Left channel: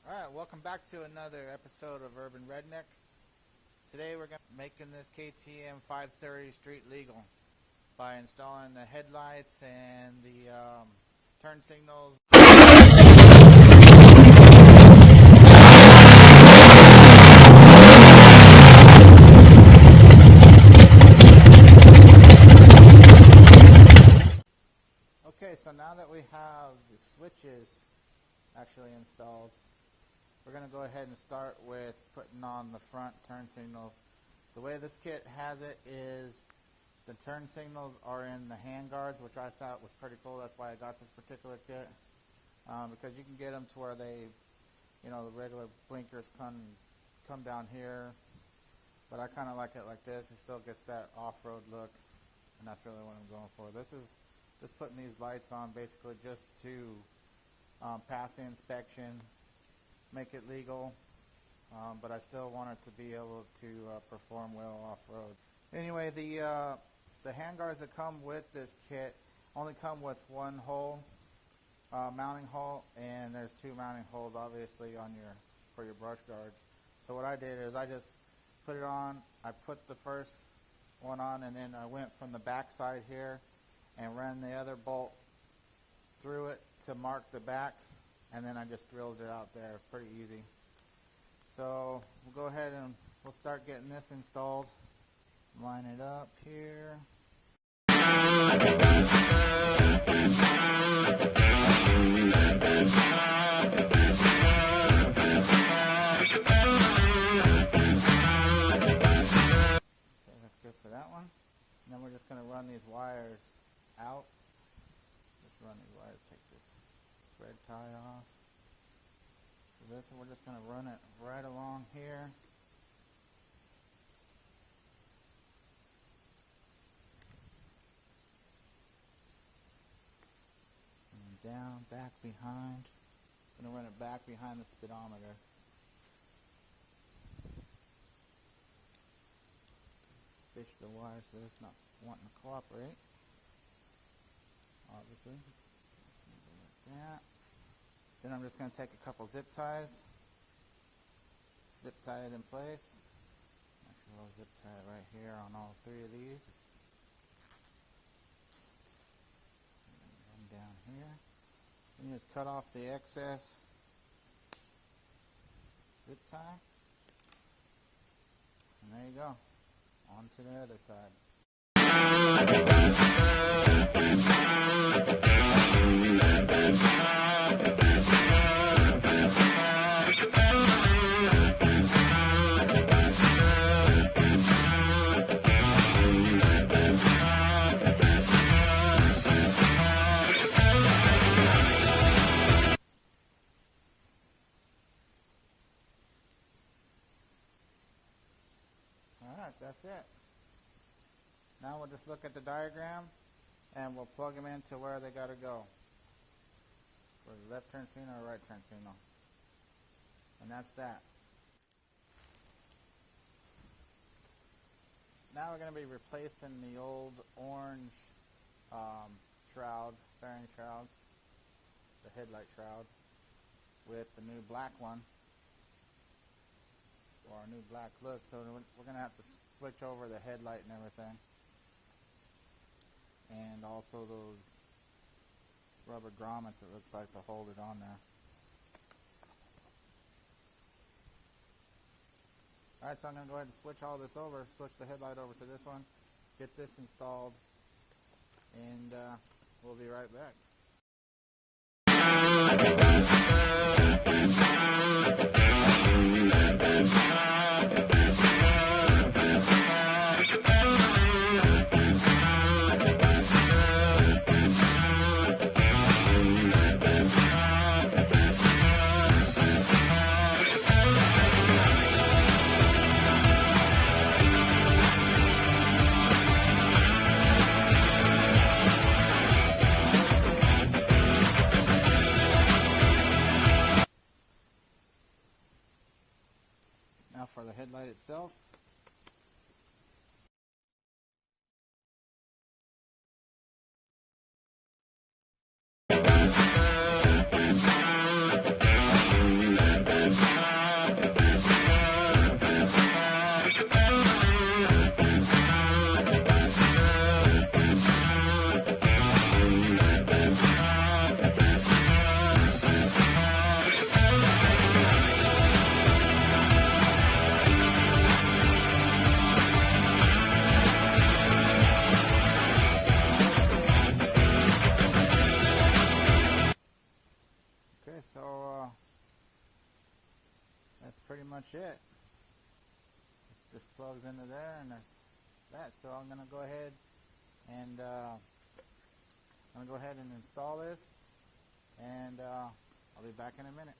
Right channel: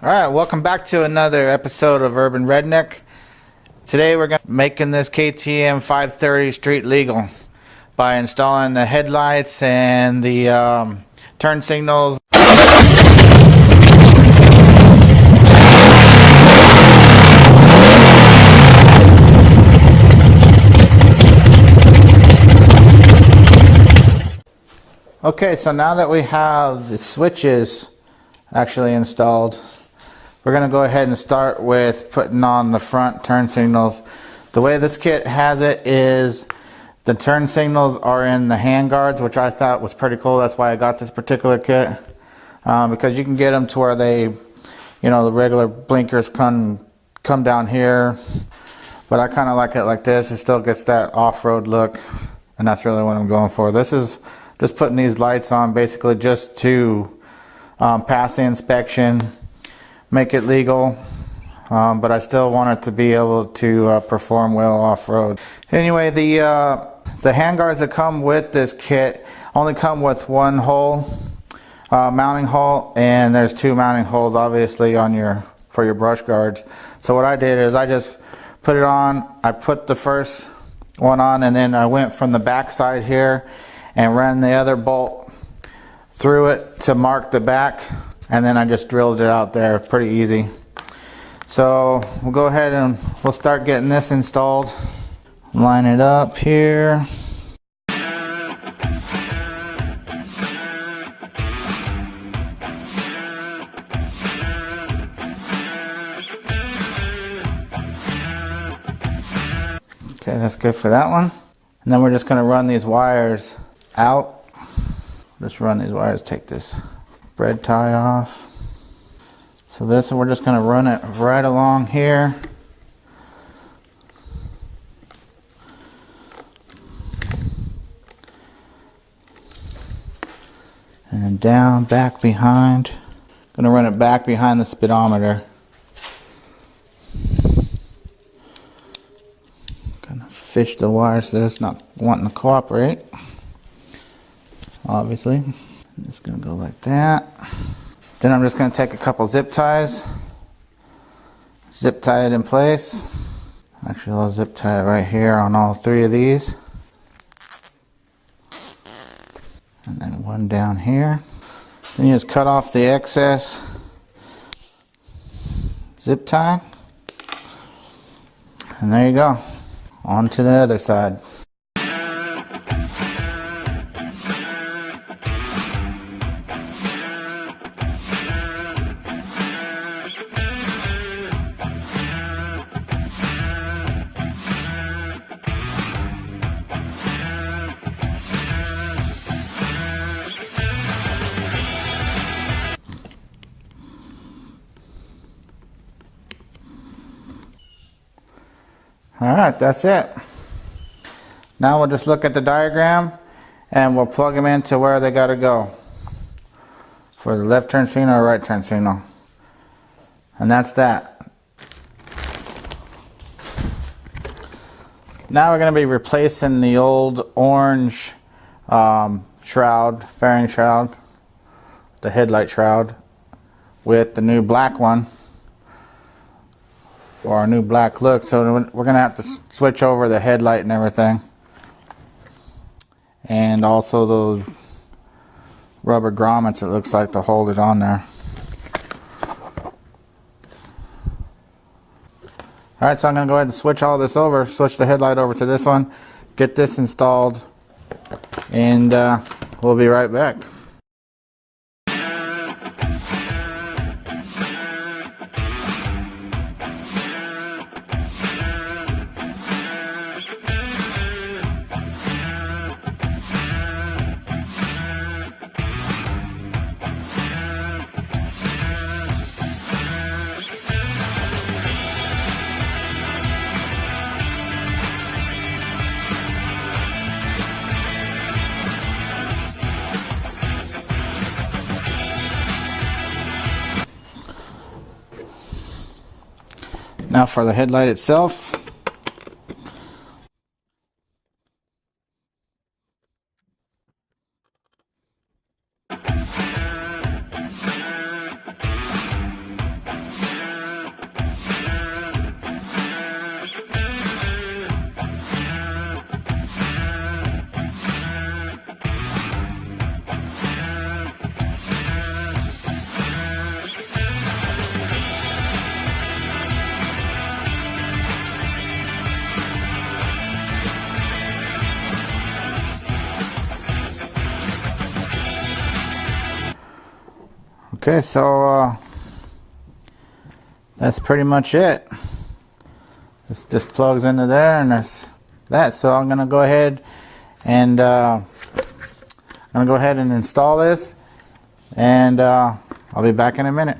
Alright, welcome back to another episode of Urban Redneck. Today we're going to be making this KTM 530 street legal by installing the headlights and the turn signals. Okay, so now that we have the switches actually installed, we're going to go ahead and start with putting on the front turn signals. The way this kit has it is the turn signals are in the hand guards, which I thought was pretty cool. That's why I got this particular kit, because you can get them to where they, you know, the regular blinkers come down here, but I kind of like it like this. It still gets that off-road look, and that's really what I'm going for. This is just putting these lights on basically just to pass the inspection, make it legal, but I still want it to be able to perform well off-road. Anyway, the handguards that come with this kit only come with one hole, mounting hole, and there's two mounting holes obviously on for your brush guards. So what I did is I just put it on, I put the first one on, and then I went from the back side here and ran the other bolt through it to mark the back, and then I just drilled it out there. Pretty easy. So we'll go ahead and we'll start getting this installed. Line it up here. Okay, that's good for that one. And then we're just going to run these wires out. Just run these wires, take this bread tie off. So this, we're just going to run it right along here. And then down, back behind. Going to run it back behind the speedometer. Going to fish the wire so that it's not wanting to cooperate. Obviously. It's going to go like that. Then I'm just going to take a couple zip ties, zip tie it in place. Actually, I'll zip tie it right here on all three of these. And then one down here. Then you just cut off the excess zip tie. And there you go. On to the other side. Alright, that's it. Now we'll just look at the diagram and we'll plug them into where they got to go for the left turn signal or right turn signal. And that's that. Now we're going to be replacing the old orange shroud, fairing shroud, the headlight shroud, with the new black one for our new black look. So we're going to have to switch over the headlight and everything, and also those rubber grommets, it looks like, to hold it on there. Alright, so I'm going to go ahead and switch all this over, switch the headlight over to this one, get this installed, and we'll be right back. Now for the headlight itself. Okay, so that's pretty much it. This just plugs into there, and that's that. So I'm gonna go ahead and install this, and I'll be back in a minute.